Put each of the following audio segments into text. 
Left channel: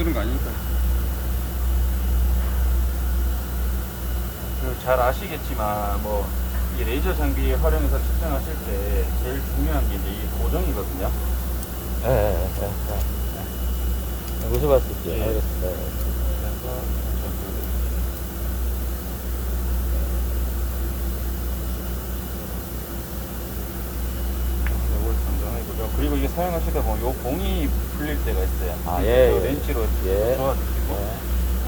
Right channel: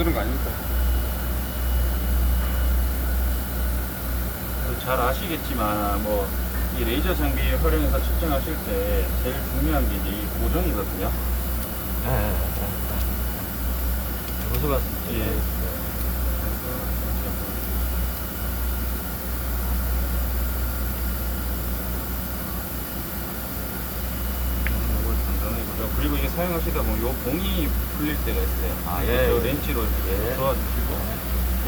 만드는 거 아니니까. 잘 아시겠지만 뭐 이 레이저 장비 활용해서 측정하실 때 제일 중요한 게 이제 이 고정이거든요. 무슨 봤을 때. 예. 그리고 이게 사용하시다 보면 요 봉이 풀릴 때가 있어요. 아, 예. 저 렌치를 예. 저어주시고.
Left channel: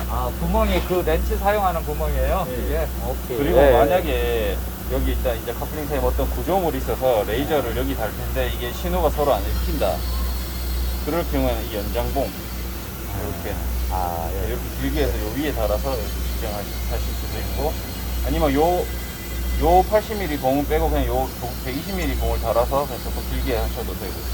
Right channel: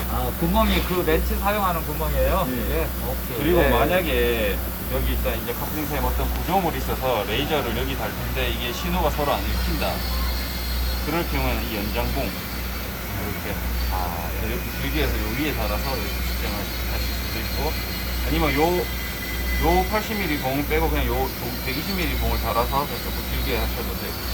아, 구멍이 그 렌치 사용하는 구멍이에요? 예. 이게? 오케이. 그리고 예. 만약에 여기 이제 커플링사에 어떤 구조물이 있어서 레이저를 여기 달 텐데 이게 신호가 서로 안 읽힌다. 그럴 경우에는 이 연장봉 이렇게 이렇게 길게 해서 요 위에 달아서 이렇게 측정하실 수도 있고, 아니면 요 80mm 봉을 빼고 그냥 요 120mm 봉을 달아서 조금 길게 하셔도 되고.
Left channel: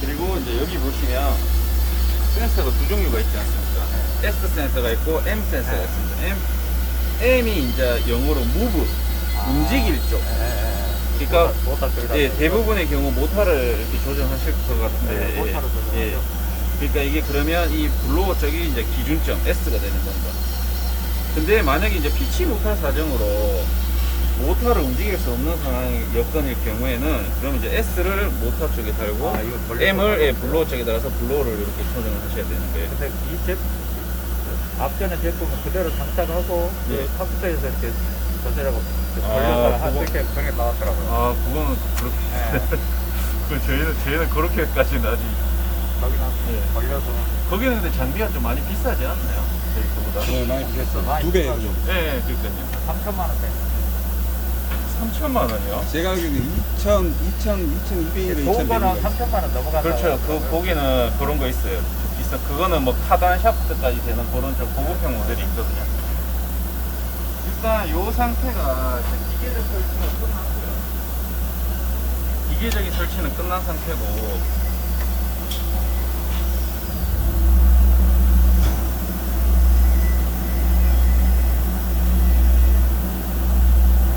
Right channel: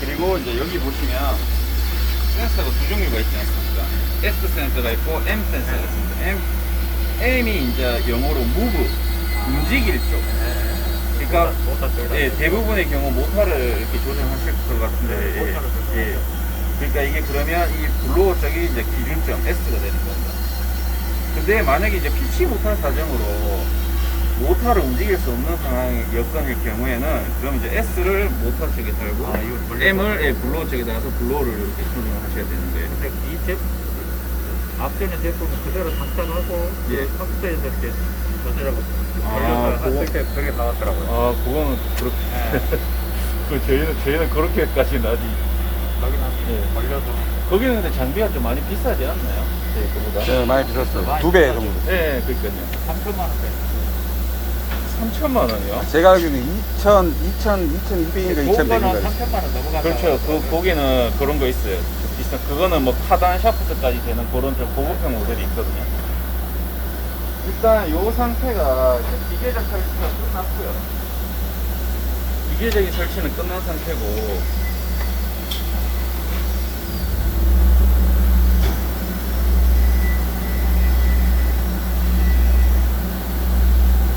그리고 이제 여기 보시면 센서가 두 종류가 있지 않습니까? S 센서가 있고 M 센서가 있습니다. M이 이제 영어로 move, 움직일 쪽. 그러니까 예, 대부분의 경우 모터를 이렇게 조정하실 것 같은데, 예. 그러니까 이게 그러면 이 블로어 쪽이 이제 기준점 S가 되는 겁니다. 근데 만약에 이제 피치 못할 사정으로 모터를 움직일 수 없는 상황 여건일 경우에는 그러면 이제 S를 모터 쪽에 달고 M을 예, 블로어 쪽에 달아서 블로어를 이렇게 조정을 하셔야 되는 거예요. 앞전에 제품 그대로 장착하고, 예. 탑승에서 이렇게 그대로. 그게 나왔더라고요. 아, 그거는 그렇게. 그 저희는 그렇게까지는 아직. 여기는 예. 걸려도. 거기는 근데 장비가 좀 많이 비싸지 않나요? 저희 거보다. 네, 많이 들었어요. 2배 정도. 예, 그러니까요. 3천만 원 돼. 3천만 원이요? 제가 알기로는 2200인가 2100인가. 3천만 원 넘어간다. 그렇죠. 거기는 그런 거 있어요. 그거는 뭐 카단 샤프트까지 되는 그런 좀 고급형 모델이 있거든요. 일단 요 상태가 이제 기계적 설치가 끝났고요. 기계적인 설치는 끝난 상태고,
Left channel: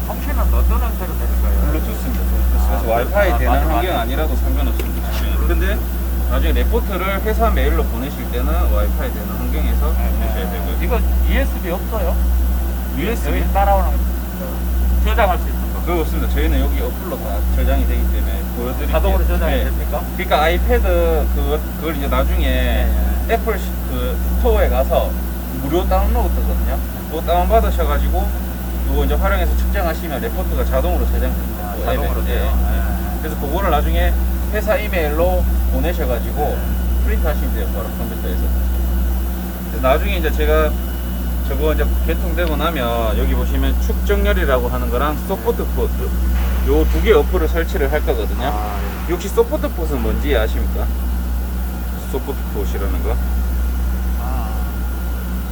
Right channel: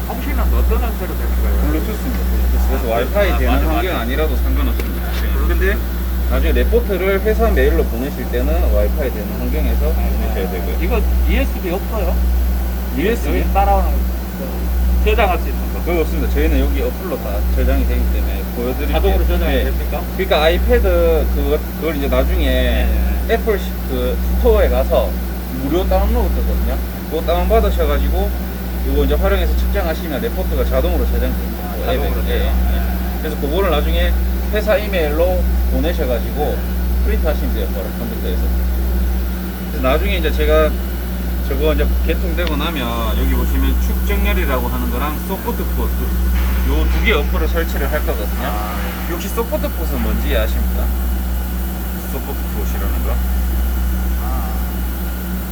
통신은 어떤 형태로 되는 거예요? 블루투스입니다. 블루투스. 그래서 와이파이 되는 맞아, 환경 맞아. 아니라도 상관없습니다. 근데 나중에 레포트를 회사 메일로 보내실 때는 와이파이 되는 환경에서 보내셔야 되고요. 이거 USB 없어요? USB? 여기 따라오는 거. 저장할 수 있는 거. 그거 없습니다. 저희는 여기 어플로 다 저장이 되기 때문에 보여드릴게요. 자동으로 저장이 네. 됩니까? 그러니까 아이패드 그걸 이제 나중에 애플 그 스토어에 가서 무료 다운로드 뜨거든요. 그거 다운 받으셔가지고 이거 이제 활용해서 측정하시면 레포트가 자동으로 저장됩니다. 그 앱에. 예. 그래서 그거를 나중에 회사 이메일로 보내셔가지고 프린트 하시면 돼요. 바로 컴퓨터에서. 그래서 나중에 이제 제가 저거 이제 개통되고 나면 여기 보시면 축정열이라고 하는 거랑 서포트 폿 요 두 개 어플을 설치를 할 거거든요. 혹시 서포트 폿은 뭔지 아십니까? 서포트 폿이라는 거.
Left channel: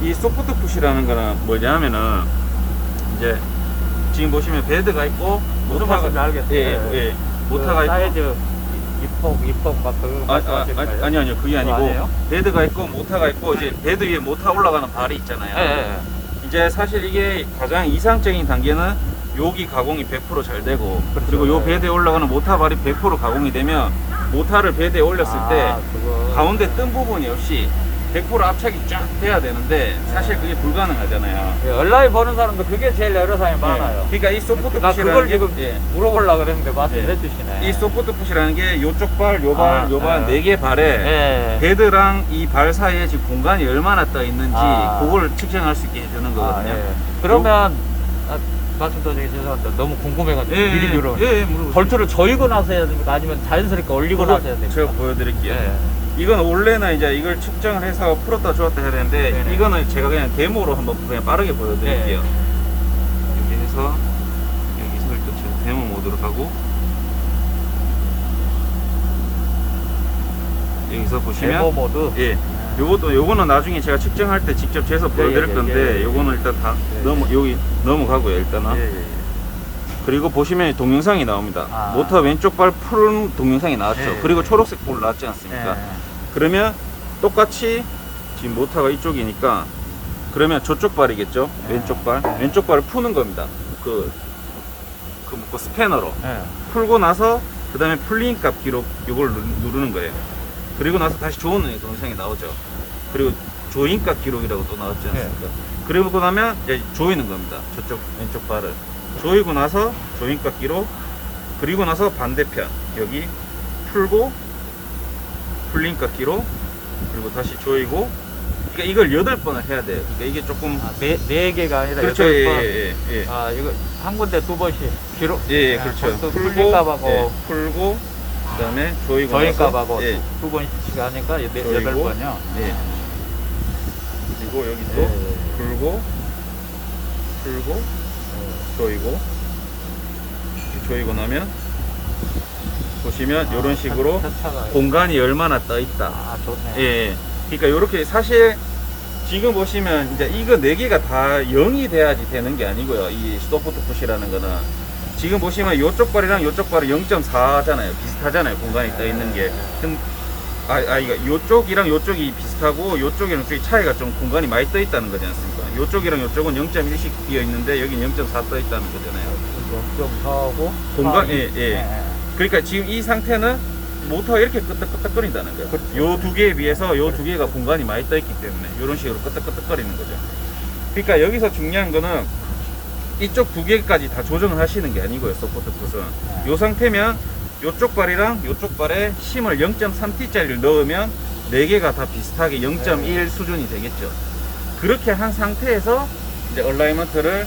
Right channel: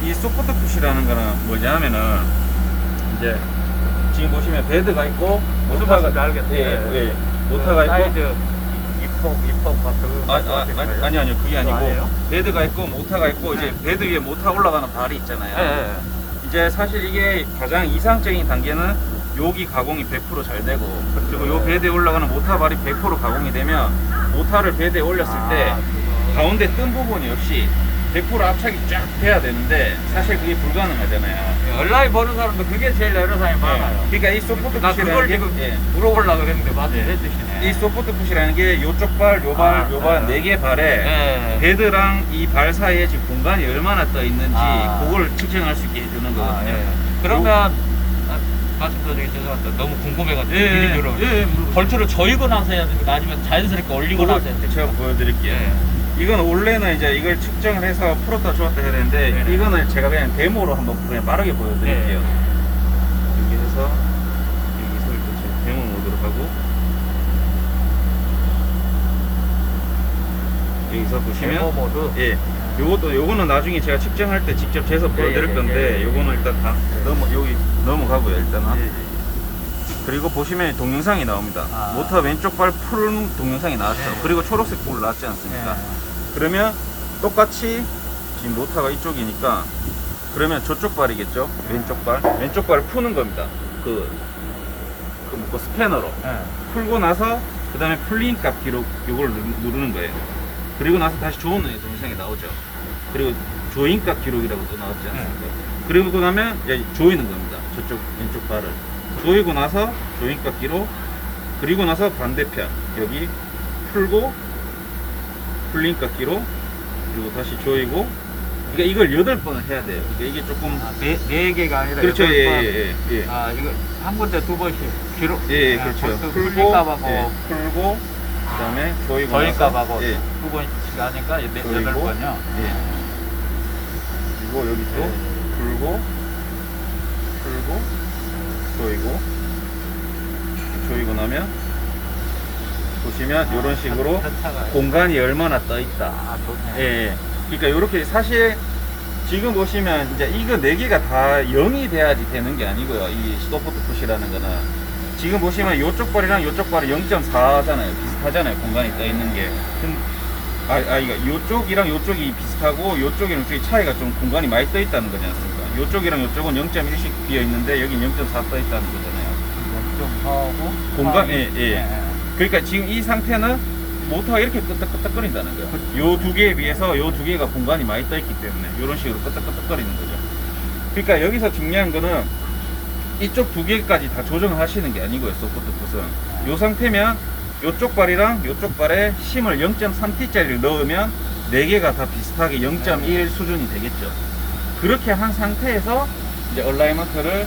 이 서포트 폿이라는 거는 뭐냐면은 이제 지금 보시면 베드가 있고 모터가 알겠어요. 예, 모터가 있고 사이즈 입폭 막 아니요 그게 아니고 아니에요? 베드가 있고 모터가 있고 이제 베드 위에 모터 올라가는 발이 있잖아요. 네. 이제 사실 이게 가장 이상적인 단계는 여기 가공이 100% 잘 되고 그리고 요 베드에 올라가는 모터 발이 100% 가공이 되면 모터를 베드에 올렸을 때 가운데 뜬 부분이 없이 100% 압착이 쫙 돼야 되는데 사실 그게 불가능하잖아요. 온라인 보는 사람들 그게 제일 애로사항이 많아요. 그러니까 이 소프트 나 푸시라는 그걸 게 지금 물어보려고 그랬는데 맞는 예. 뜻이네. 이 소프트 푸시라는 게 요쪽 발, 요 발, 요 발 네 개 발에 네. 베드랑 이 발 사이에 지금 공간이 얼마나 떠 있는지 그걸 측정할 수 있게 해주는 거거든요. 네. 그러면 말씀 더 드리기 죄송한데 너무 궁금해가지고 미리 물어봐요. 물어보세요. 벌초를 저이고 나서 해야 됩니까? 아니면 자연스럽게 올리고 그거 나서 해야 됩니까? 제가 보여드릴게요. 네. 이건 원래는 이제 이걸 측정을 해서 풀었다 주었다 해야 되는데 네네. 이거는 제가 그냥 데모로 한번 그냥 빠르게 보여드릴게요. 여기 해서 여기서 일단 지금 데모 모드로 하고 여기서 보시면 데모 모드. 예, 요거는 나중에 제가 측정할 때 직접 재서 보여드릴 건데 요거는 일단 다 여기 넘어가고요 일단은. 그리고 보시면 동영상이 나옵니다. 모터 왼쪽 발 푸른 동영상이 나왔죠. 그리고 초록색 볼 나왔지 않습니까? 그러면 똑같이 지금 모터가 이쪽이니까 그러면 저쪽 발이겠죠? 왼쪽 발을 푸는 겁니다. 그 스패너로 풀고 나서 그 다음에 풀린 값 기록 요걸 누르는 거예요. 그리고 나서 다시 조은의 동영상이 나오죠. 그리고 조인 값 기록이라고 또 나왔지 않습니까? 그리고 나면 이제 조이는 겁니다. 저쪽 왼쪽 발을 조이고 나서 조인 값 기록, 그리고 나서 반대편 여기 풀고 풀린 값 기록, 그리고 다시 조이고. 그러니까 이걸 8번을 해야 돼요. 그러니까 이게 조금 네 개가 아니라 그렇죠. 여덟 번. 예. 아, 이거 한 군데 2번씩 기록. 예, 그렇죠. 풀고, 풀린값하고 풀고, 그 다음에 조이고 저희값하고 예. 2번씩 하니까 조이고, 8번이요. 예. 그리고 여기 또 예. 풀고, 조이고, 조이고 나면 보시면 이런 식으로 공간이 얼마나 떠 있다. 아, 좋네. 예. 그러니까 이렇게 사실 지금 보시면 이제 이거 4개가 다 0이 돼야지 되는 게 아니고요. 이 소프트 푸시라는 거는 지금 보시면 이쪽 발이랑 이쪽 발이 0.4잖아요. 비슷하잖아요. 공간이 떠 있는 게. 이거 이쪽이랑 이쪽이 비슷하고 이쪽이랑 이쪽이 차이가 좀 공간이 많이 떠 있다는 거지 않습니까? 이쪽이랑 이쪽은 0.1씩 비어 있는데 여기 0.4 떠 있다는 거잖아요. 좀 더하고 공간, 예. 그러니까 지금 이 상태는 모터가 이렇게 끄덕끄덕거린다는 거예요. 요 두 개에 비해서 요 두 개가 공간이 많이 떠 있기 때문에 이런 식으로 끄덕끄덕거리는 거죠. 그러니까 여기서 중요한 거는 이쪽 두 개까지 다 조정을 하시는 게 아니고요. 소프트 풋은 요 상태면 요쪽 발이랑 요쪽 발에 힘을 0.3T짜리를 넣으면 4개가 다 비슷하게 0.1 수준이 되겠죠. 그렇게 한 상태에서 이제 얼라이먼트를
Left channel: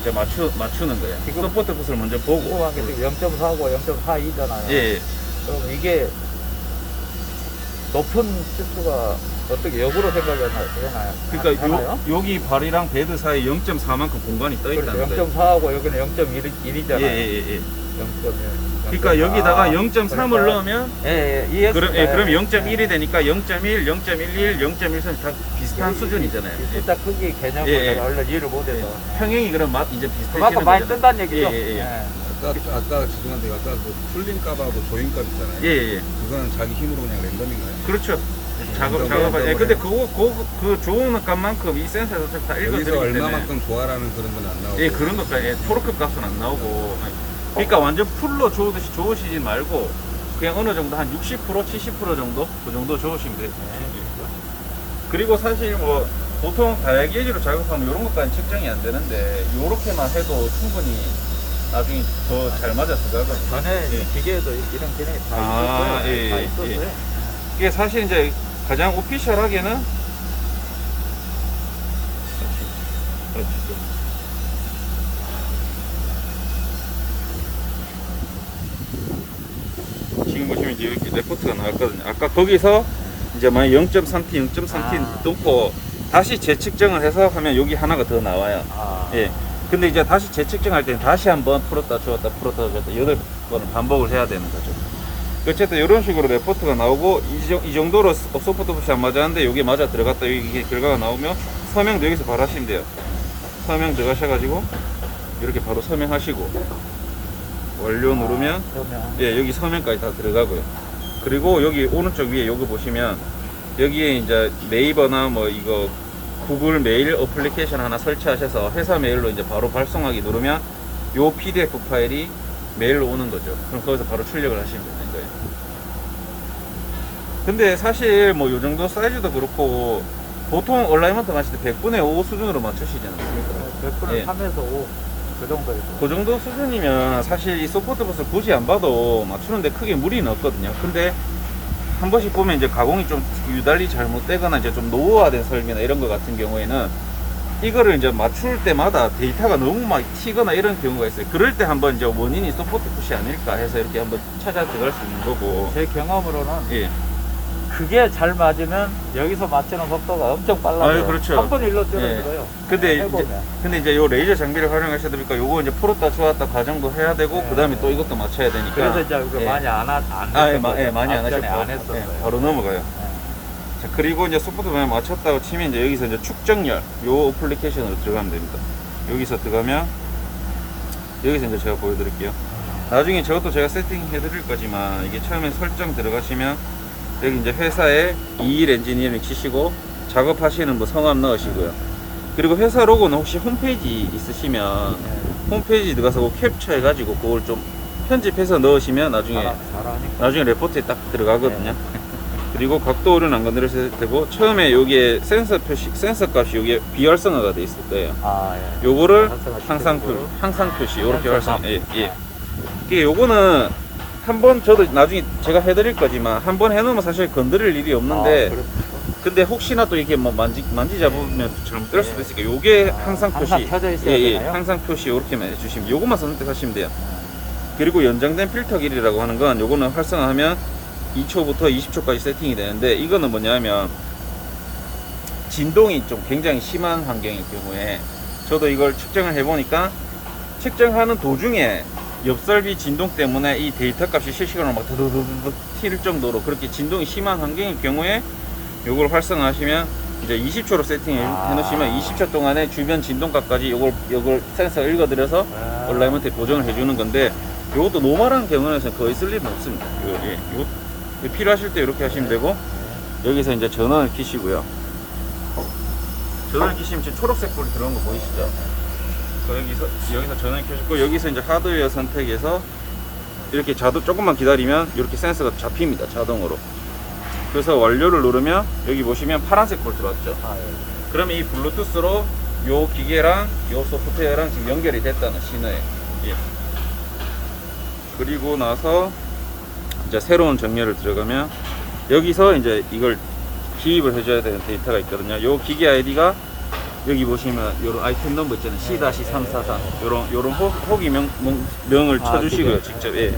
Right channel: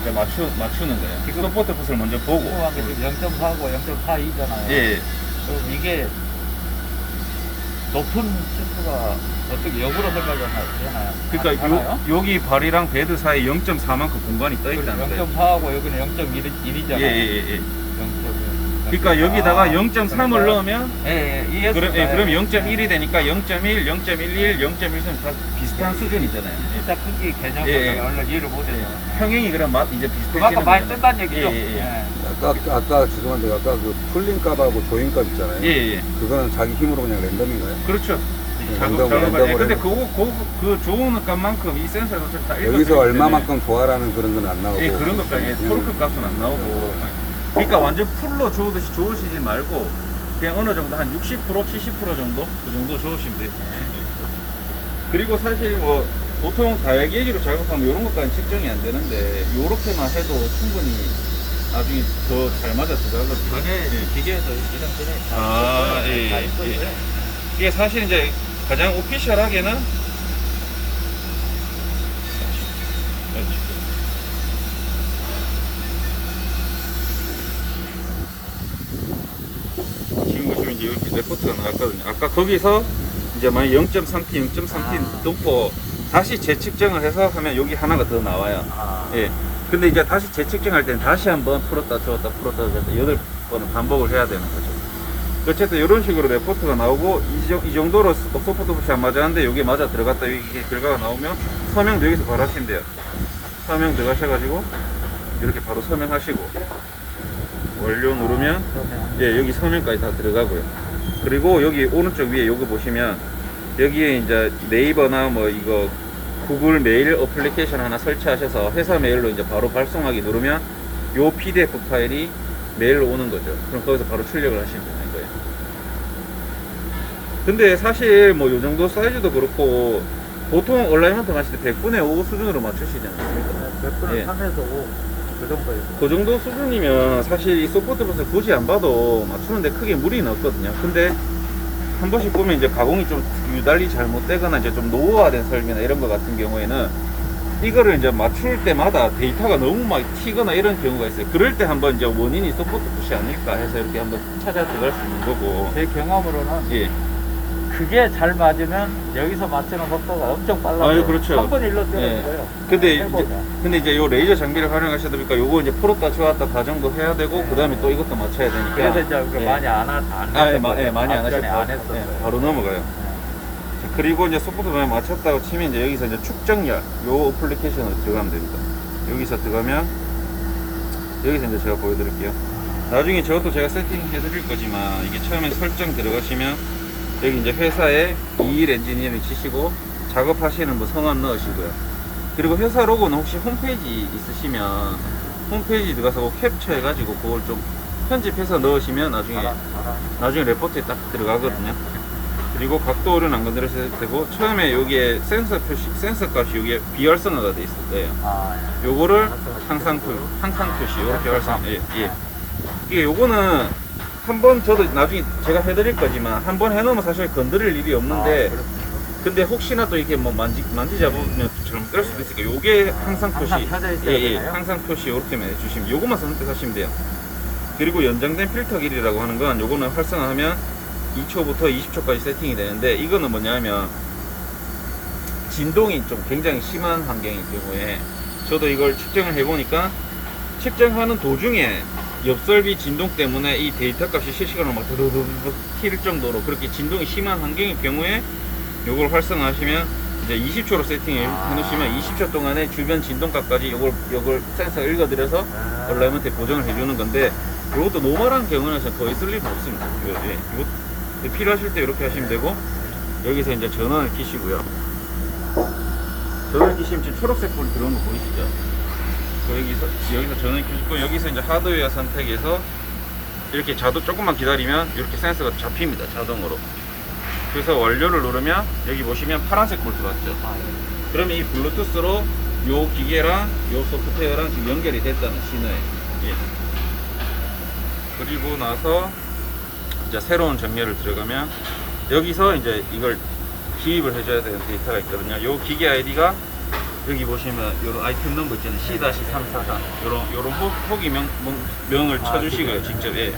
이제 맞추는 거예요. 소프트 풋을 먼저 보고. 0.4고 0.42잖아요. 예. 그럼 이게 높은 시트가 어떻게 역으로 생각되나요? 그러니까 여기 발이랑 베드 사이 0.4만큼 공간이 떠 있다는 거예요. 0.4하고 여기는 0.1이잖아요. 예. 0.1. 그러니까 여기다가 0.3을 넣으면 이해했어요. 그럼 0.1이 되니까 0.1, 0.11, 0.13 다 비슷한 수준이잖아요. 진짜 크기 개념을 예. 얼른 이해를 못해서. 평행이 그럼 이제 비슷해지는 많이 거잖아요. 뜬다는 얘기죠. 예. 아까 죄송한데 아까 그 풀린 값하고 조인 값 있잖아요. 예. 그거는 자기 힘으로 그냥 랜덤인가요? 그렇죠. 작업할 때. 근데 그 좋은 값만큼 이 센서에서 다 읽어드리기 여기서 때문에. 얼마만큼 도하라는 그런 건 안 나오고. 예, 그런 것까지 토르크 값은 안 나오고. 그러니까 완전 풀로 저으듯이 저으시지 말고 그냥 어느 정도 한 60%, 70% 정도 그 정도 저으시면 돼요. 그리고 사실 뭐 보통 다이아게이지로 작업하면 이런 것까지 측정이 안 되는데 요렇게만 해도 충분히 나중에 더 잘 맞아 들어가거든요. 전에 기계에도 이런 기능이 다 아, 있었어요. 예. 다 있었어요. 이게 사실 이제 가장 오피셜하게는 지금 보시면 이제 이렇게 레포트가 나왔거든요. 아까 거기서 이제 만약 0.3T, 0.3T 뚫고 다시 재측정을 해서 하면 여기 하나가 더 나와요. 예. 근데 이제 다시 재측정할 때는 다시 한번 풀었다 주었다 풀었다 주었다 8번을 반복을 해야 되는 거죠. 어쨌든 이런 식으로 레포트가 나오고 이 정도로 소프트 푸시 안 맞았는데 여기 맞아 들어갔다 이게 결과가 나오면 서명도 여기서 바로 하시면 돼요. 서명 들어가셔가지고 이렇게 바로 서명하시고 완료 누르면 예, 여기 서명까지 다 들어가고요. 그리고 여기 오른쪽 위에 요거 보시면 여기에 이제 네이버나 뭐 이거 구글 메일 어플리케이션 하나 설치하셔서 회사 메일로 이제 바로 발송하기 누르면 요 PDF 파일이 메일로 오는 거죠. 그럼 거기서 바로 출력을 하시면 되는 거예요. 근데 사실 뭐 요 정도 사이즈도 그렇고 보통 얼라이먼트 맞출 때 100분의 5 수준으로 맞추시지 않습니까? 100분의 예. 3에서 5. 그 정도요. 그 정도 수준이면 사실 이 소프트 붓을 굳이 안 봐도 맞추는데 크게 무리는 없거든요. 근데 한 번씩 보면 이제 가공이 좀 유달리 잘못되거나 이제 좀 노후화된 설비나 이런 거 같은 경우에는 이거를 이제 맞출 때마다 데이터가 너무 막 튀거나 이런 경우가 있어요. 그럴 때 한번 이제 원인이 소프트 붓이 아닐까 해서 이렇게 한번 찾아 들어갈 수 있는 거고. 제 경험으로는 예. 그게 잘 맞으면 여기서 맞추는 속도가 엄청 빨라요. 아, 그렇죠. 3분 1로 예. 줄어들어요. 근데 이제 요 레이저 장비를 활용하셔다 보니까 요거 이제 풀었다 주었다 과정도 해야 되고 네. 그 다음에 또 이것도 맞춰야 되니까. 그래서 이제 우리가 예. 많이 안 많이 안 하셔도 안 했어요. 바로 넘어가요. 자, 그리고 이제 소프트웨어 맞췄다고 치면 이제 여기서 이제 축정열 요 어플리케이션으로 들어가면 됩니다. 여기서 들어가면 여기서 이제 제가 보여드릴게요. 나중에 저것도 제가 세팅해 드릴 거지만 이게 처음에 설정 들어가시면 여기 이제 회사에 2일 엔지니어링 치시고 작업하시는 거 성함 넣으시고요. 그리고 회사 로고는 혹시 홈페이지 있으시면 홈페이지 들어가서 그거 캡처해 가지고 그걸 좀 편집해서 넣으시면 나중에 레포트에 딱 들어가거든요. 그리고 각도는 안 건드려도 되고, 처음에 여기에 센서 값이 여기에 비활성화가 돼 있을 거예요. 요거를 향상 표시 이렇게 활성. 예. 이게 요거는 한번 저도 나중에 제가 해드릴 거지만 한번 해놓으면 사실 건드릴 일이 없는데, 근데 혹시나 또 이렇게 뭐 만지잡으면 좀 그럴 수도 있으니까 요게 향상 표시. 항상 펴져 있어야 예. 되나요? 향상 표시 이렇게만 해주시면 요것만 선택하시면 돼요. 그리고 연장된 필터 길이라고 하는 건 요거는 활성화하면 2초부터 20초까지 세팅이 되는데, 이거는 뭐냐면 진동이 좀 굉장히 심한 환경일 경우에 저도 이걸 측정을 해보니까 측정하는 도중에 옆설비 진동 때문에 이 데이터 값이 실시간으로 막 두두두두 튈 정도로 그렇게 진동이 심한 환경일 경우에 요걸 활성화하시면 이제 20초로 세팅해 놓으시면 20초 동안에 주변 진동값까지 요걸 센서가 읽어드려서 얼라이먼트에 보정을 해주는 건데, 요것도 노멀한 경우에서 거의 쓸 일은 없습니다. 예. 필요하실 때 이렇게 하시면 되고, 여기서 이제 전원을 켜시고요. 전원을 켜시면 지금 초록색 불 들어온 거 보이시죠? 여기서 전원을 켜시고, 여기서 이제 하드웨어 선택해서 이렇게 조금만 기다리면 이렇게 센서가 잡힙니다, 자동으로. 그래서 완료를 누르면 여기 보시면 파란색 불 들어왔죠. 그러면 이 블루투스로 요 기계랑 요 소프트웨어랑 지금 연결이 됐다는 신호예요. 예. 그리고 나서 이제 새로운 정렬을 들어가면 여기서 이제 이걸 기입을 해줘야 되는 데이터가 있거든요. 요 기계 아이디가 여기 보시면 요런 아이템 넘버 있잖아요. C-343 요런 호기 명을 쳐주시고요. 직접. 예.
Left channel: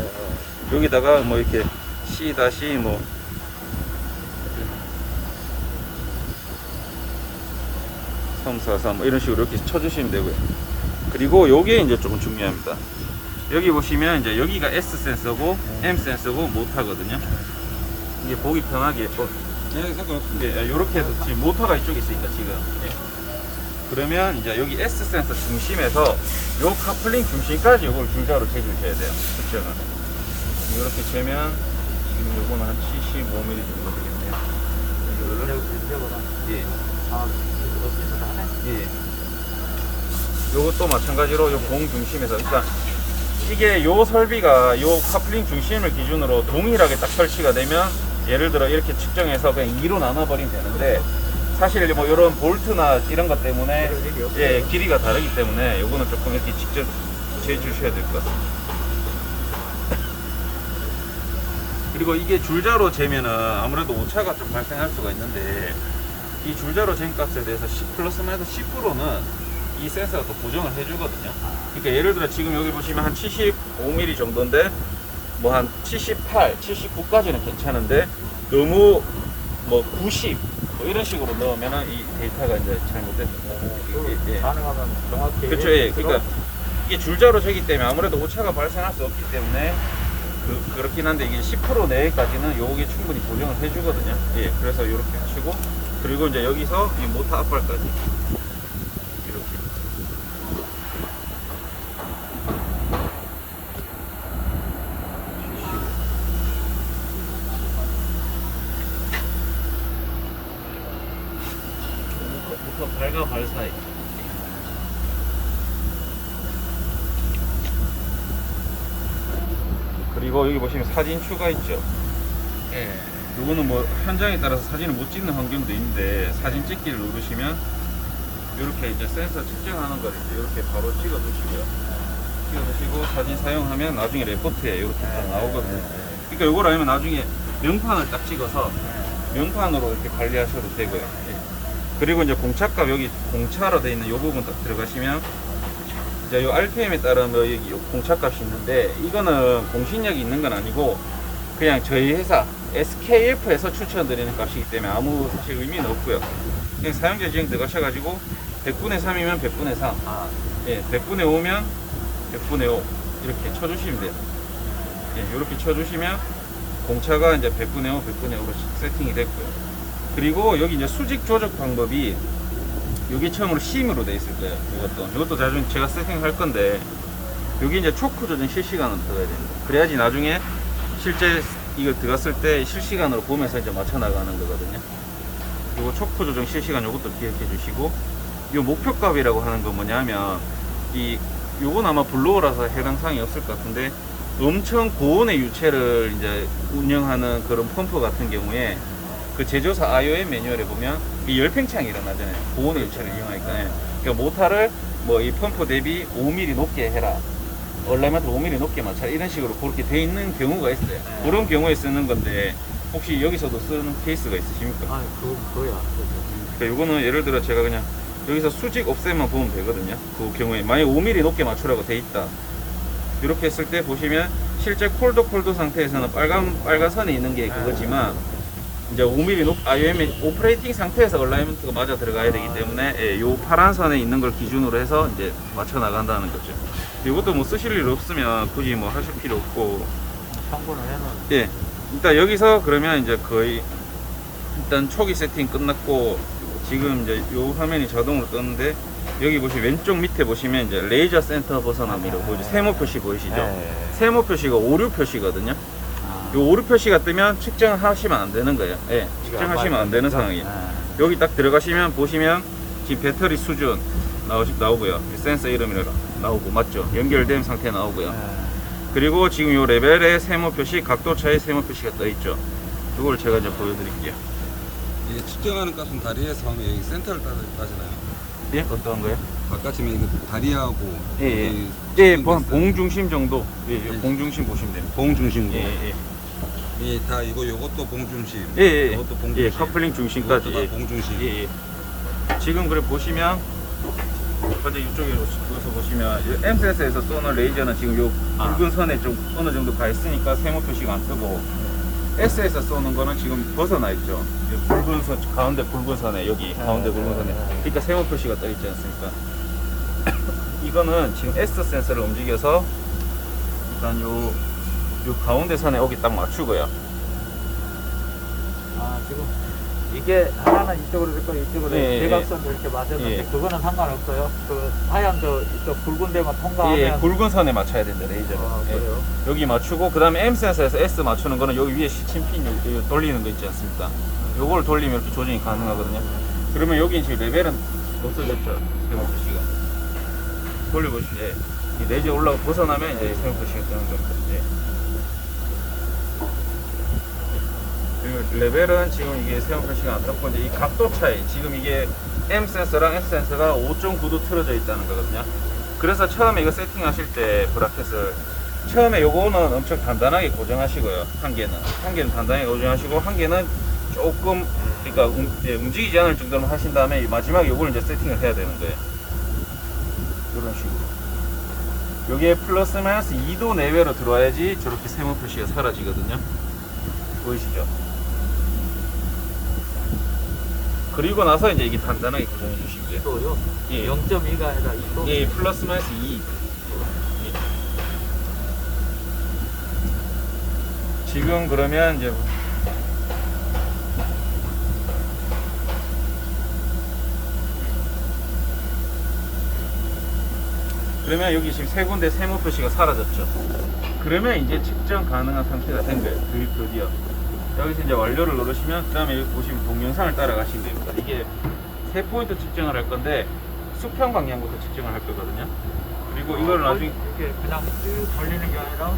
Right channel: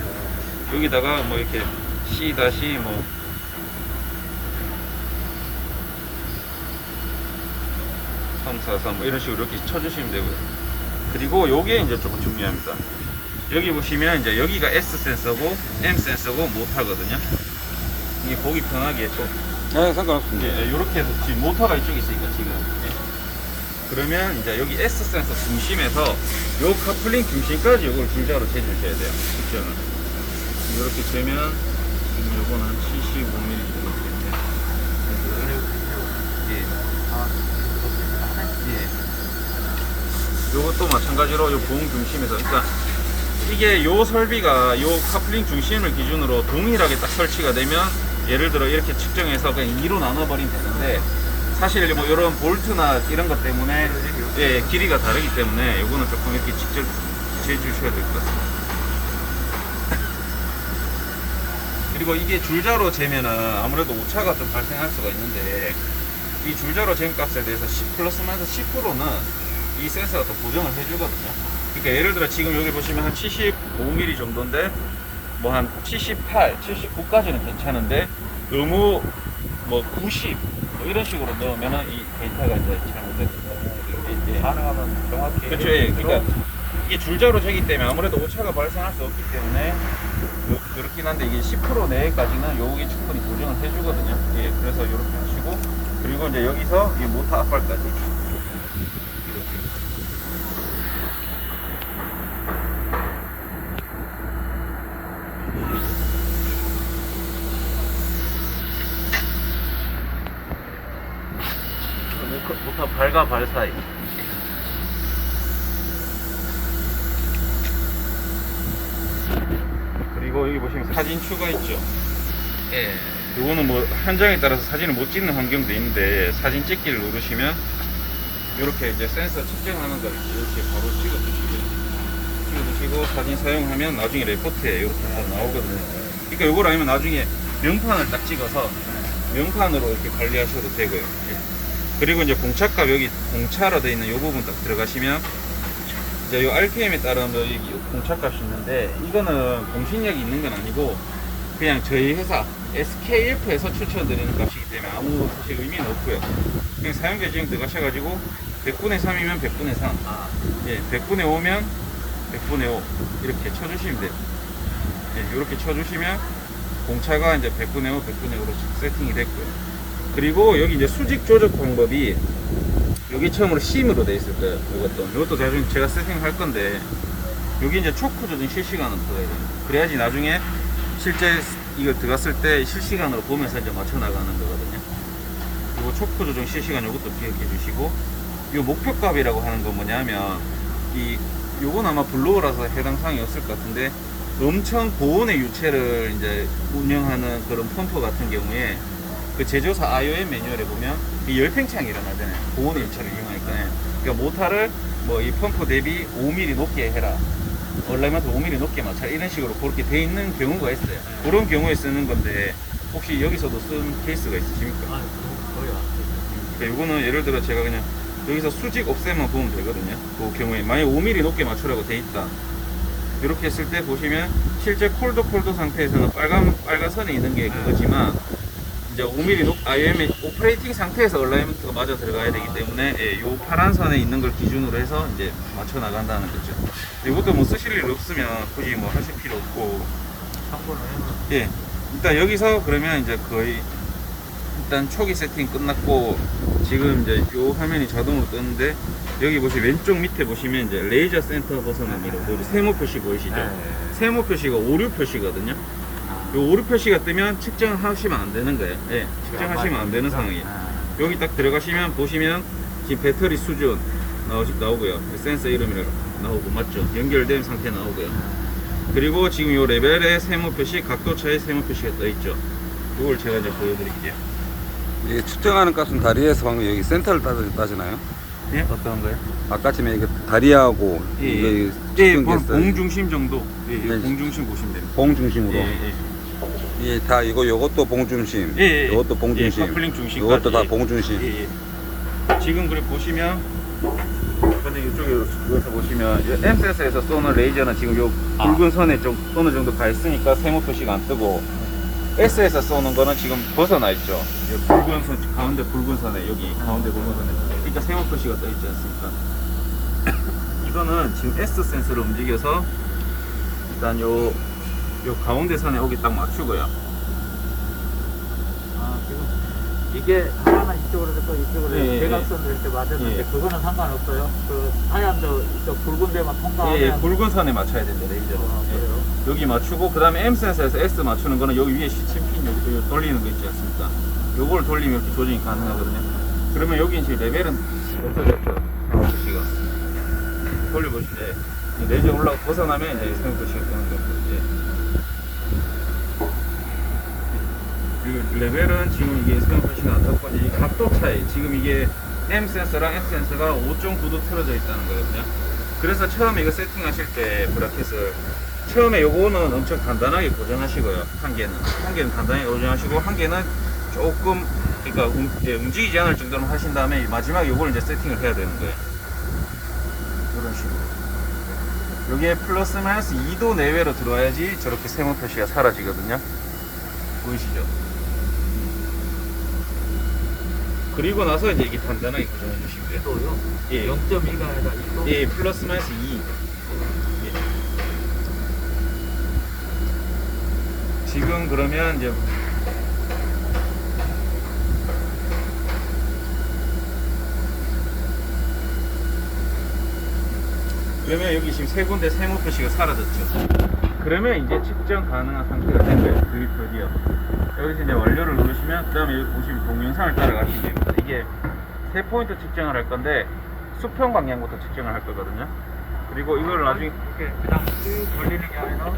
여기다가 뭐 이렇게 C- 뭐 343 이런 식으로 이렇게 쳐주시면 되고요. 그리고 요게 이제 조금 중요합니다. 여기 보시면 이제 여기가 S 센서고 M 센서고 모터거든요. 이게 보기 편하게 또 네, 상관없습니다. 이렇게 해서 지금 모터가 이쪽에 있으니까 지금. 그러면 이제 여기 S 센서 중심에서 요 카플링 중심까지 요걸 줄자로 재주셔야 돼요. 그때는 이렇게 재면 지금 요거는 한 75mm 정도 되겠네요. 요것도 마찬가지로 요 공 중심에서, 그러니까 이게 요 설비가 요 카플링 중심을 기준으로 동일하게 딱 설치가 되면 예를 들어 이렇게 측정해서 그냥 2로 나눠버리면 되는데, 사실 뭐 이런 볼트나 이런 것 때문에 길이가 다르기 때문에 요거는 조금 이렇게 직접 재주셔야 될 것 같습니다. 그리고 이게 줄자로 재면은 아무래도 오차가 좀 발생할 수가 있는데, 이 줄자로 잰 값에 대해서 플러스 마이너스 10%는 이 센서가 또 보정을 해주거든요. 그러니까 예를 들어 지금 여기 보시면 한 75mm 정도인데 뭐 한 78, 79까지는 괜찮은데 너무 뭐 90 뭐 이런 식으로 넣으면은 이 데이터가 이제 잘못된다. 가능하면 정확히. 그렇죠. 예. 그러니까 이게 줄자로 재기 때문에 아무래도 오차가 발생할 수 없기 때문에 그렇긴 한데, 이게 10% 내외까지는 요게 충분히 보정을 해주거든요. 예. 그래서 이렇게 하시고, 그리고 이제 여기서 이 모터 앞발까지 이렇게. 모터 발과 발 사이. 그리고 여기 보시면 사진 추가 있죠. 예. 이거는 뭐 현장에 따라서 사진을 못 찍는 환경도 있는데, 사진 찍기를 누르시면 이렇게 이제 센서 측정하는 걸 이렇게 바로 찍어 두시고요. 찍어 두시고 사진 사용하면 나중에 레포트에 이렇게 다 나오거든요. 그러니까 이걸 알면 나중에 명판을 딱 찍어서 명판으로 이렇게 관리하셔도 되고요. 예. 그리고 이제 공차값, 여기 공차로 되어 있는 이 부분 딱 들어가시면 이제 요 RPM에 따른 뭐 여기 요 공차값이 있는데, 이거는 공신력이 있는 건 아니고 그냥 저희 회사 SKF에서 추천드리는 값이기 때문에 아무 사실 의미는 없고요. 그냥 사용자 지정 들어가셔가지고 100분의 3이면 100분의 3, 예, 100분의 5면 100분의 5 이렇게 쳐주시면 돼요. 예, 이렇게 쳐주시면 공차가 이제 100분의 5, 100분의 5로 세팅이 됐고요. 그리고 여기 이제 수직 조작 방법이 여기 처음으로 심으로 돼 있을 거예요. 이것도 나중에 제가 세팅할 건데, 여기 이제 초크 조정 실시간으로 떠야 됩니다. 그래야지 나중에 실제 이거 들어갔을 때 실시간으로 보면서 이제 맞춰 나가는 거거든요. 요거 초크 조정 실시간 요것도 기억해 주시고, 요 목표값이라고 하는 건 뭐냐면, 요건 아마 블로어라서 해당 사항이 없을 것 같은데, 엄청 고온의 유체를 이제 운영하는 그런 펌프 같은 경우에 그 제조사 IOM 매뉴얼에 보면 이 열팽창이 일어나잖아요. 고온의 유체를 이용하니까. 그러니까 모터를 뭐 이 펌프 대비 5mm 높게 해라. 얼라이먼트 5mm 높게 맞춰. 이런 식으로 그렇게 돼 있는 경우가 있어요. 그런 경우에 쓰는 건데 혹시 여기서도 쓰는 케이스가 있으십니까? 아, 그거요. 그러니까 요거는 예를 들어 제가 그냥 여기서 수직 옵셋만 보면 되거든요. 그 경우에 만약 5mm 높게 맞추라고 돼 있다. 이렇게 했을 때 보시면 실제 콜드 상태에서는 빨간 선에 있는 게 그거지만 이제 5mm IOM 오퍼레이팅 상태에서 얼라이먼트가 맞아 들어가야 되기 때문에 예, 요 파란 선에 있는 걸 기준으로 해서 이제 맞춰 나간다는 거죠. 이것도 뭐 쓰실 일 없으면 굳이 뭐 하실 필요 없고 참고를 해놔. 예. 일단 여기서 그러면 이제 거의 일단 초기 세팅 끝났고 지금 이제 요 화면이 자동으로 떴는데 여기 보시면 왼쪽 밑에 보시면 이제 레이저 센터 벗어납니다. 보이죠? 세모 표시 보이시죠? 네. 세모 표시가 오류 표시거든요. 요 오류 표시가 뜨면 측정하시면 안 되는 거예요. 예. 측정하시면 안 되는 상황이에요. 여기 딱 들어가시면 보시면 지금 배터리 수준 나오고요. 센서 이름이라 나오고 맞죠? 연결된 상태 나오고요. 그리고 지금 요 레벨의 세모 표시, 각도 차의 세모 표시가 떠 있죠. 이걸 제가 이제 보여드릴게요. 이게 측정하는 값은 다리에서 하면 여기 센터를 따지나요? 예, 어떤 거요? 아까 전에 이게 다리하고 예, 이게 예, 측정됐어요. 봉중심 정도. 예, 예, 네. 봉중심 보시면 됩니다. 봉 중심으로. 예, 예. 예, 다 요것도 봉 중심. 예, 예. 요것도 봉 예, 중심. 커플링 중심까지. 요것도 다 봉 중심. 예, 예. 지금 그래 보시면 먼저 이쪽에 여기서 보시면 M-센서에서 쏘는 레이저는 지금 요 붉은 선에 좀 어느 정도 가 있으니까 세모 표시가 안 뜨고 S에서 쏘는 거는 지금 벗어나 있죠. 요 붉은 선 가운데 붉은 선에 여기 가운데 붉은 선에 그러니까 세모 표시가 떠 있지 않습니까? 이거는 지금 S 센서를 움직여서 일단 요 가운데 선에 여기 딱 맞추고요. 아, 지금 이게 하나는 이쪽으로 있고 이쪽으로 예, 대각선 이렇게 맞았는데 예. 그거는 상관없어요. 그 하얀 저 굵은 데만 통과하면 예, 굵은 선에 맞춰야 된다 레이저. 그래요? 여기 맞추고 그 다음에 M 센서에서 S 맞추는 거는 여기 위에 시침핀 여기 돌리는 거 있지 않습니까? 요걸 돌리면 이렇게 조정이 가능하거든요. 그러면 여기 지금 레벨은 없어졌죠. 세모 표시가. 돌려보실 때 이 레이저 올라가 벗어나면 이제 세모 표시가 뜨는 거죠. 그리고 레벨은 지금 이게 세모 표시가 안 떴고 이제 이 각도 차이 지금 이게 M 센서랑 S 센서가 5.9도 틀어져 있다는 거거든요. 그래서 처음에 이거 세팅하실 때 브라켓을 처음에 요거는 엄청 간단하게 고정하시고요. 한 개는 단단하게 고정하시고 한 개는 조금 그러니까 움직이지 않을 정도로 하신 다음에 마지막에 요걸 이제 세팅을 해야 되는 거예요. 이런 식으로. 요게 플러스 마이너스 2도 내외로 들어와야지 저렇게 세모 표시가 사라지거든요. 보이시죠? 그리고 나서 이제 이게 단단하게 고정해 주시고요. 또요? 예. 0.2가 아니라 2도? 예, 플러스 마이너스 2. 예. 지금 그러면 이제 그러면 여기 지금 세 군데 세모 표시가 사라졌죠. 그러면 이제 측정 가능한 상태가 된 거예요. 드디어. 여기서 이제 완료를 누르시면 그 다음에 여기 보시면 동영상을 따라가시면 됩니다. 이게 세 포인트 측정을 할 건데 수평 방향부터 측정을 할 거거든요. 그리고 이걸 나중에 이렇게 그냥 쭉 걸리는 게 아니라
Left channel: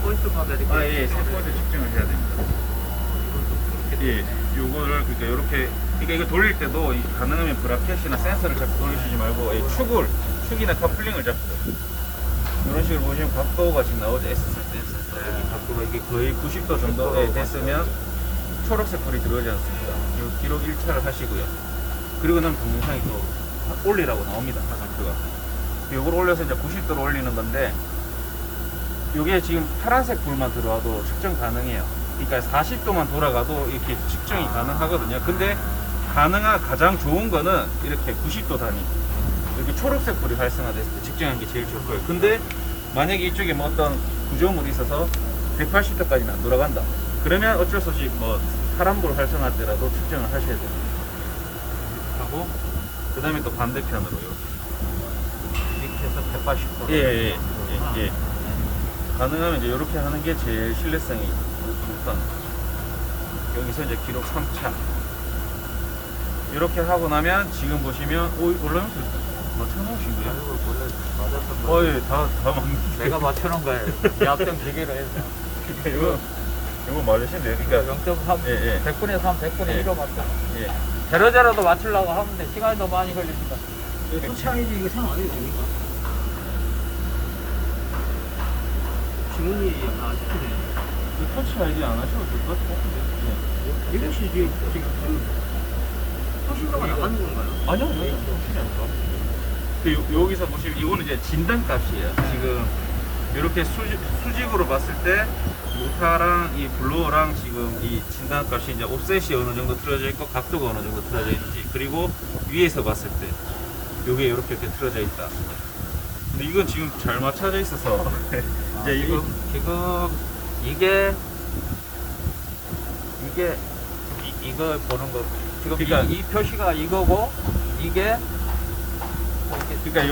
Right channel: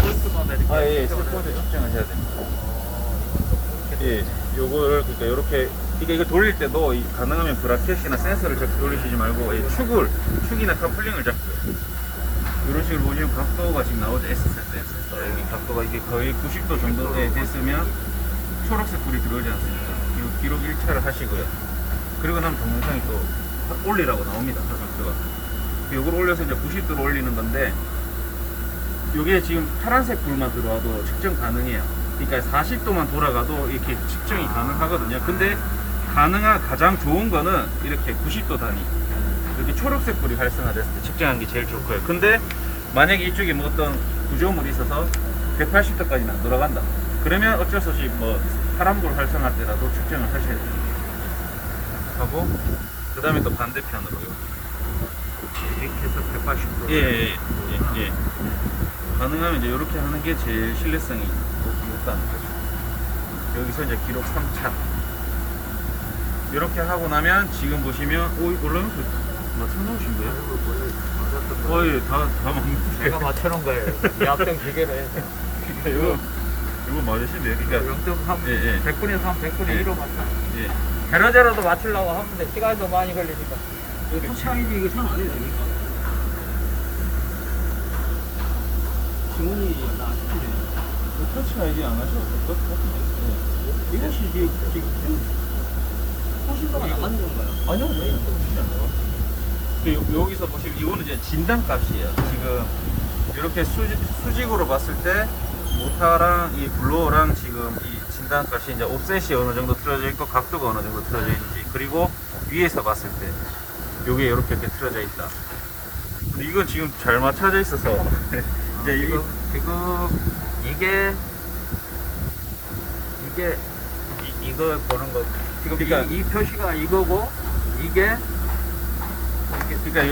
포인트마다 이렇게 예, 세 포인트 측정을 해야 됩니다. 예, 요거를 그러니까 이렇게 이거 돌릴 때도 가능하면 브라켓이나 센서를 잡고 돌리시지 말고 축이나 커플링을 잡고 이런 식으로 보시면 각도가 지금 나오죠. S 센서, M 센서 여기 각도가 이게 거의 90도 정도에 됐으면 초록색 불이 들어오지 않습니까? 이 기록 1차를 하시고요. 그리고 나면 동영상이 또 올리라고 나옵니다. 상태가. 요걸 올려서 이제 90도로 올리는 건데 요게 지금 파란색 불만 들어와도 측정 가능해요. 그러니까 40도만 돌아가도 이렇게 측정이 가능하거든요. 근데 가장 좋은 거는 이렇게 90도 단위 이렇게 초록색 불이 활성화됐을 때 측정하는 게 제일 좋고요. 근데 만약에 이쪽에 뭐 어떤 구조물이 있어서 180도까지는 안 돌아간다. 그러면 어쩔 수 없이 뭐 파란불 활성화 때라도 측정을 하셔야 돼요. 하고 그 다음에 또 반대편으로요. 이렇게 해서 180도. 예. 가능하면 이제 이렇게 하는 게 제일 신뢰성이 높다는 거죠. 여기서 이제 기록 3차. 이렇게 하고 나면 지금 보시면 올라오면 뭐 켜놓으신 거예요? 맞았던 거. 거의 다 맞는데. 내가 맞춰놓은 거예요. 약정 기계로 해서. 그러니까 이거 맞으신데, 그러니까 0.3, 예, 예. 100분의 3, 100분의 예. 1로 맞다. 예. 제로제로도 맞추려고 하는데 시간이 너무 많이 걸리니까. 터치아이지 이거 사용 안 해도 됩니까? 지문이 안 시키네. 터치 아이디 안 하셔도 될 것 같은데. 이것이 지금 그 통신도가 나가는 건가요? 아니요, 터치 안 나가. 여기서 보시면 이거는 이제 진단값이에요. 지금 이렇게 수직으로 봤을 때 모타랑 이 블로어랑 지금 이 진단값이 이제 옵셋이 어느 정도 틀어져 있고 각도가 어느 정도 틀어져 있는지, 그리고 위에서 봤을 때 요게 이렇게 틀어져 있다. 근데 이건 지금 잘 맞춰져 있어서 이제 지금 이게 이거 보는 거 지금 그러니까 이 표시가 이거고 이게 그러니까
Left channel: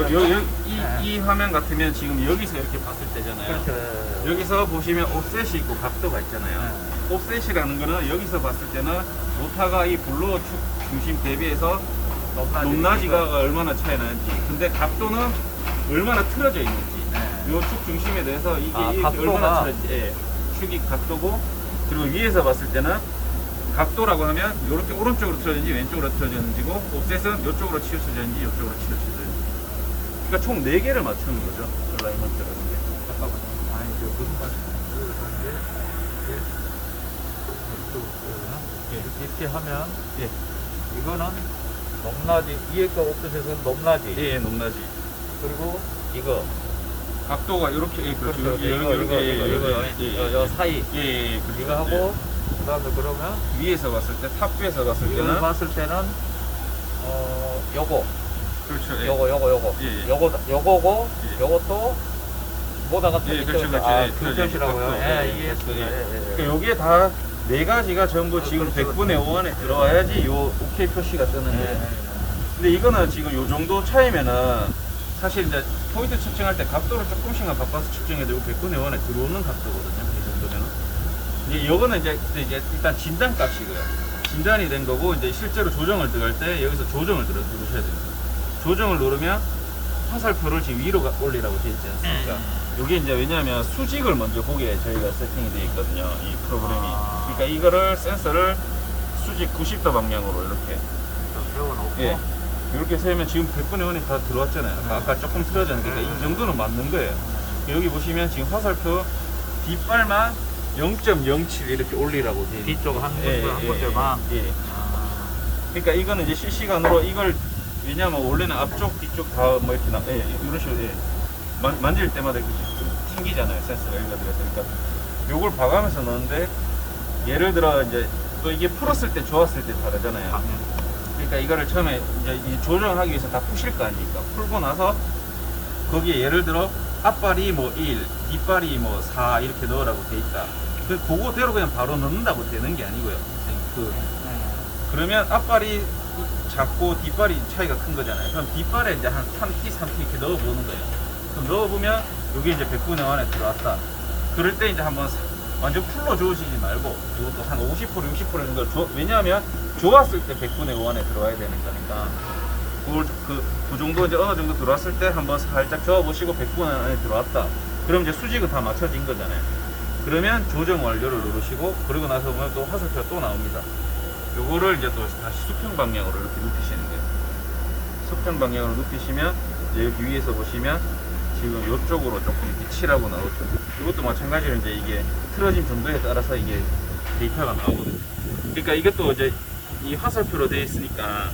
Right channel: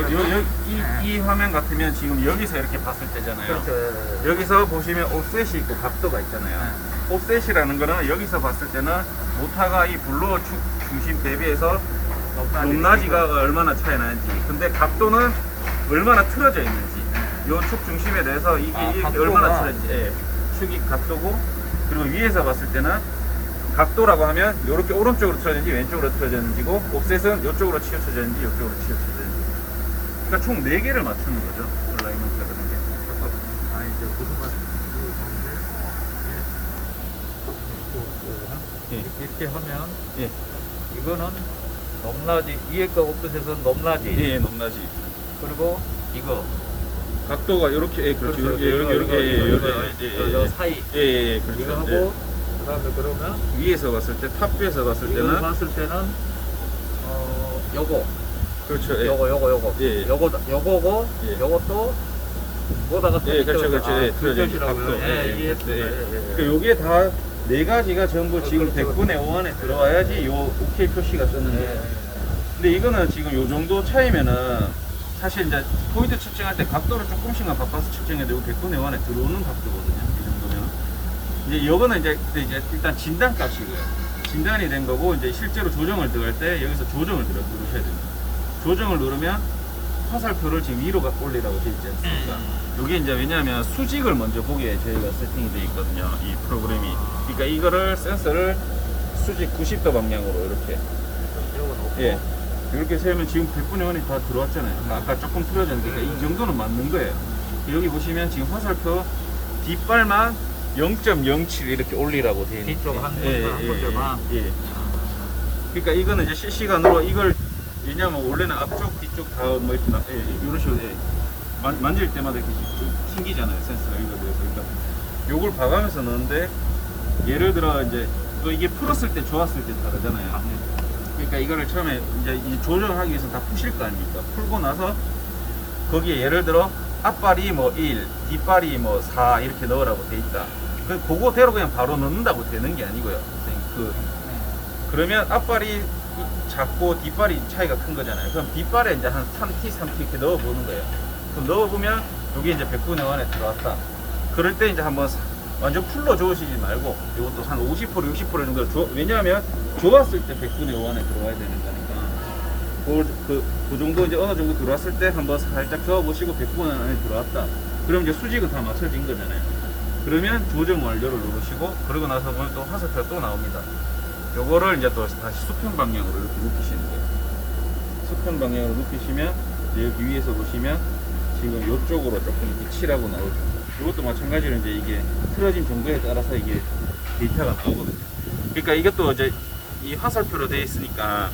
이 화면 같으면 지금 여기서 이렇게 봤을 때잖아요. 그렇죠. 여기서 보시면 옵셋이 있고 각도가 있잖아요. 네. 옵셋이라는 거는 여기서 봤을 때는 모타가 이 블로어 축 중심 대비해서 높낮이가 얼마나 차이 나는지, 근데 각도는 얼마나 틀어져 있는지, 요 축 중심에 대해서 이게 이렇게 각도가. 얼마나 틀어진지, 예. 축이 각도고, 그리고 위에서 봤을 때는 각도라고 하면 이렇게 오른쪽으로 틀어졌는지 왼쪽으로 틀어졌는지고, 옵셋은 이쪽으로 치우쳐졌는지 이쪽으로 치우쳐졌는지. 그러니까 총 4개를 맞추는 거죠. 얼라이먼트라는 게. 잠깐만요. 아 이제 무슨 말인지 이렇게 하면 예. 이거는 높낮이 위에 거 옵셋에서는 높낮이 예, 높낮이. 그리고 이거 각도가 이렇게, 예, 그렇죠. 그렇죠. 이렇게, 저 사이 예, 그렇죠. 이거 하고 그다음에 그러면 위에서 봤을 때, 탑 뷰에서 봤을 이걸 때는, 봤을 때는 요거 그렇죠. 예. 요거 예. 요거고 예. 요것도 보다가 예, 그렇죠, 그렇죠. 아, 예, 그 틀어져 있는 표시라고요. 각도. 예, 예, 예, 됐어요. 예. 예. 그러니까 요게 다 4가지가 전부 지금 그렇죠. 100분의 5안에 들어와야지 요 OK 표시가 뜨는데. 예. 근데 이거는 지금 요 정도 차이면은 사실 이제 포인트 측정할 때 각도를 조금씩만 바꿔서 측정해도 요 100분의 5안에 들어오는 각도거든요. 이 정도면. 이제 이거는 이제 일단 진단값이고요. 진단이 된 거고, 이제 실제로 조정을 들어갈 때 여기서 조정을 누르셔야 됩니다. 조정을 누르면 화살표를 지금 위로 올리라고 되어 있지 않습니까? 이게 이제 왜냐하면 수직을 먼저 보게 저희가 세팅이 되어 있거든요. 이 프로그램이. 그러니까 이거를 센서를 수직 90도 방향으로 이렇게, 예, 이렇게 세면 지금 100분의 1이 다 들어왔잖아요. 아까 조금 틀어졌는데, 그러니까 이 정도는 맞는 거예요. 여기 보시면 지금 화살표 뒷발만 0.07 이렇게 올리라고 되어 있는. 뒤쪽 한 예, 군데 한 예, 군데만 예. 그러니까 이거는 이제 실시간으로 이걸, 왜냐면 원래는 앞쪽 뒤쪽 다 뭐 이렇게 이런 식으로, 예. 만질 때마다 이렇게 좀 튕기잖아요, 센서가. 그래서 그러니까 요걸 봐가면서 넣는데, 예를 들어 이제 또 이게 풀었을 때 좋았을 때 다르잖아요. 그러니까 이거를 처음에 이제 이 조정하기 위해서 다 푸실 거 아닙니까? 풀고 나서 거기에 예를 들어 앞발이 뭐 1, 뒷발이 뭐 4 이렇게 넣으라고 돼 있다. 그거대로 그냥 바로 넣는다고 되는 게 아니고요. 그러면 앞발이 작고 뒷발이 차이가 큰 거잖아요. 그럼 뒷발에 이제 한 3T, 3T 이렇게 넣어보는 거예요. 그럼 넣어보면 이게 이제 100분의 1에 들어왔다. 그럴 때 이제 한번 완전 풀로 저으시지 말고 이것도 한 50%, 60% 정도 왜냐하면 좋았을 때 100분의 1에 들어와야 되는 거니까 그 정도 이제 어느 정도 들어왔을 때 한번 살짝 저어보시고 100분의 1에 들어왔다. 그럼 이제 수직은 다 맞춰진 거잖아요. 그러면 조정 완료를 누르시고, 그러고 나서 보면 또 화살표가 또 나옵니다. 요거를 이제 또 다시 수평 방향으로 이렇게 눕히시는 거예요. 수평 방향으로 눕히시면 이제 여기 위에서 보시면 지금 이쪽으로 조금 이렇게 칠하고 나오죠. 이것도 마찬가지로 이제 이게 틀어진 정도에 따라서 이게 데이터가 나오거든요. 그러니까 이것도 이제 이 화살표로 되어 있으니까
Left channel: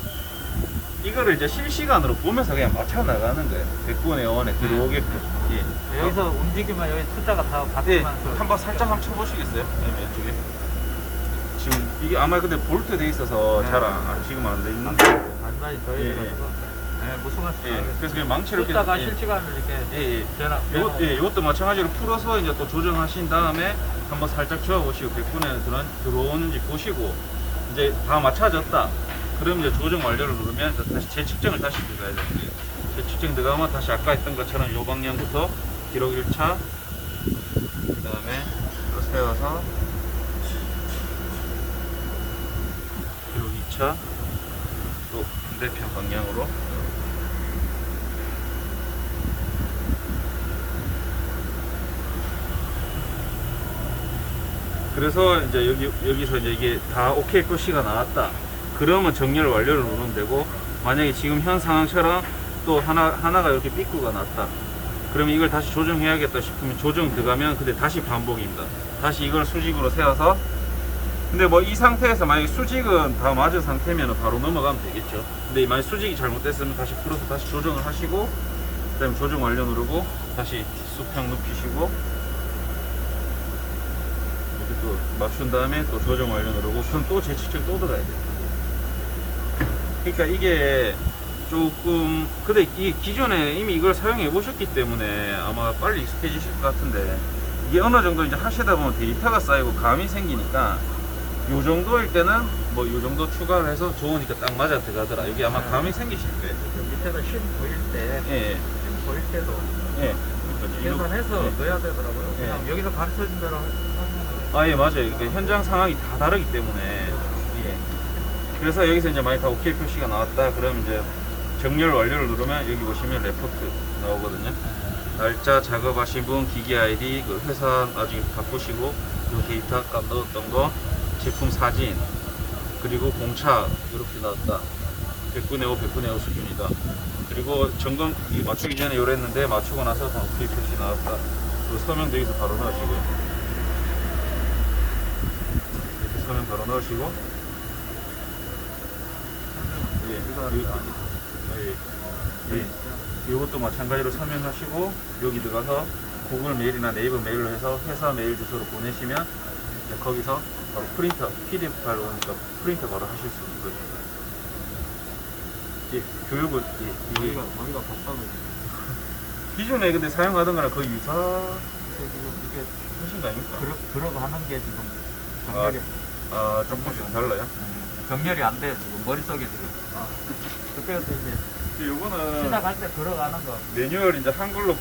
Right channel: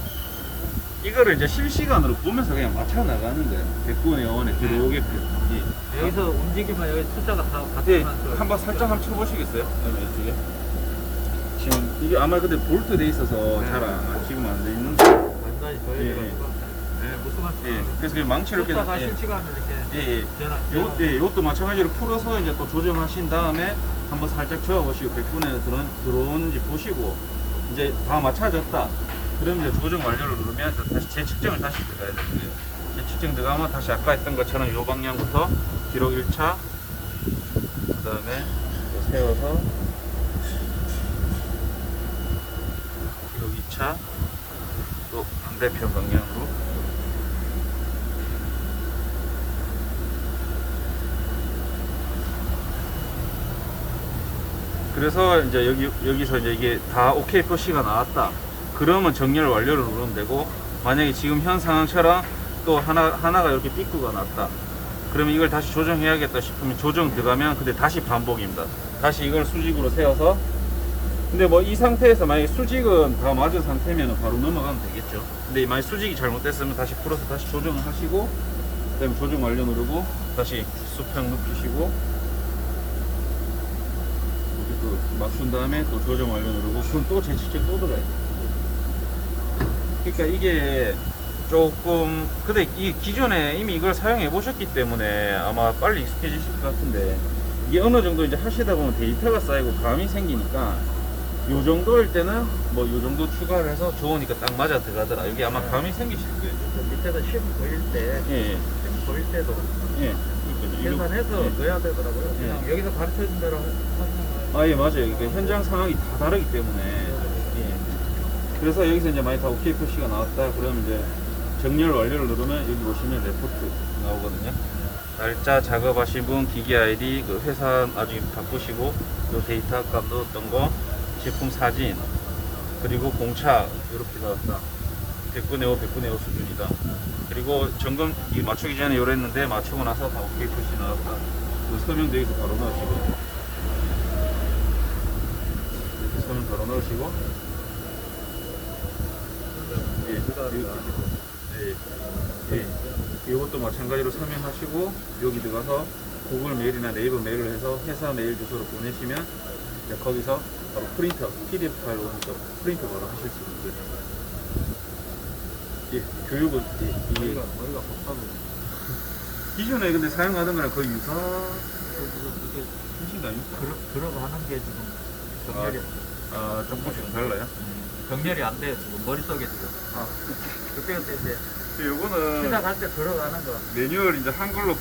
이거를 이제 실시간으로 보면서 그냥 맞춰 나가는 거예요. 100분의 0원에 들어오게. 예. 여기서 움직이면 여기 숫자가 다 네, 바뀌면 한번 살짝 한번 쳐보시겠어요? 아니면 이쪽에? 지금 이게 아마 근데 볼트 돼 있어서 잘 지금 안 돼 있는데. 완전히 더 예, 무슨 말씀? 예. 그래서 그냥 망치를 이렇게. 숫자가 예. 실시간으로 이렇게 예, 예. 변화. 이것도 마찬가지로 풀어서 이제 또 조정하신 다음에 한번 살짝 저어보시고 100분에 들어오는지 보시고 이제 다 맞춰졌다. 그럼 이제 조정 완료를 누르면 다시 재측정을 다시 들어가야 되는 거예요. 재측정 들어가면 다시 아까 했던 것처럼 이 방향부터 기록 1차, 그 다음에 또 세워서 기록 2차, 또 반대편 방향으로 그래서 이제 여기서 이제 이게 다 오케이 표시가 나왔다. 그러면 정렬 완료를 누르면 되고, 만약에 지금 현 상황처럼 또 하나가 이렇게 삐꾸가 났다. 그러면 이걸 다시 조정해야겠다 싶으면 조정 들어가면 근데 다시 반복입니다. 다시 이걸 수직으로 세워서, 근데 뭐 이 상태에서 만약에 수직은 다 맞은 상태면 바로 넘어가면 되겠죠. 근데 만약 수직이 잘못됐으면 다시 풀어서 다시 조정을 하시고, 그 다음에 조정 완료 누르고 다시 수평 눕히시고 이렇게 또 맞춘 다음에 또 조정 완료 누르고, 그럼 또 재측정 또 들어가야 돼요. 그러니까 이게 조금, 근데 이 기존에 이미 이걸 사용해 보셨기 때문에 아마 빨리 익숙해지실 것 같은데, 이게 어느 정도 이제 하시다 보면 데이터가 쌓이고 감이 생기니까 요 정도일 때는 뭐 요 정도 추가를 해서 좋으니까 딱 맞아 들어가더라. 여기 아마 감이 생기실 거예요. 밑에서 심 보일 때, 예, 심 보일 때도 예. 계산해서 예. 넣어야 되더라고요. 예. 그냥 여기서 가르쳐준 대로 아, 예, 맞아요. 이게 현장 상황이 다 다르기 때문에. 예. 그래서 여기서 이제 만약 다 오케이 표시가 나왔다. 그럼 이제 정렬 완료를 누르면 여기 보시면 레포트 나오거든요. 날짜 작업하신 분, 기기 아이디, 그 회사 나중에 바꾸시고, 요 데이터 값 넣었던 거, 제품 사진, 그리고 공차 이렇게 나왔다. 100분의 5, 100분의 5 수준이다. 그리고 점검 맞추기 전에 요랬는데 맞추고 나서 다 오케이 표시 나왔다. 그리고 서명도 여기서 바로 넣으시고요. 이렇게 서명 바로 넣으시고, 예, 이것도 마찬가지로 서명하시고, 여기 들어가서 구글 메일이나 네이버 메일을 해서 회사 메일 주소로 보내시면 이제 거기서 바로 프린터, PDF 파일 오니까 프린터 바로 하실 수 있는 거죠. 예, 교육은 이게 머리가 박사고 기존에 근데 사용하던 거랑 거의 유사 이게 하신 거 아닙니까? 들어가는 게 지금 정렬이 조금씩 달라요? 정렬이 안 돼. 지금 머릿속에 지금 그때그때 이제 요거는 시작할 때 들어가는 거 매뉴얼 이제 한글로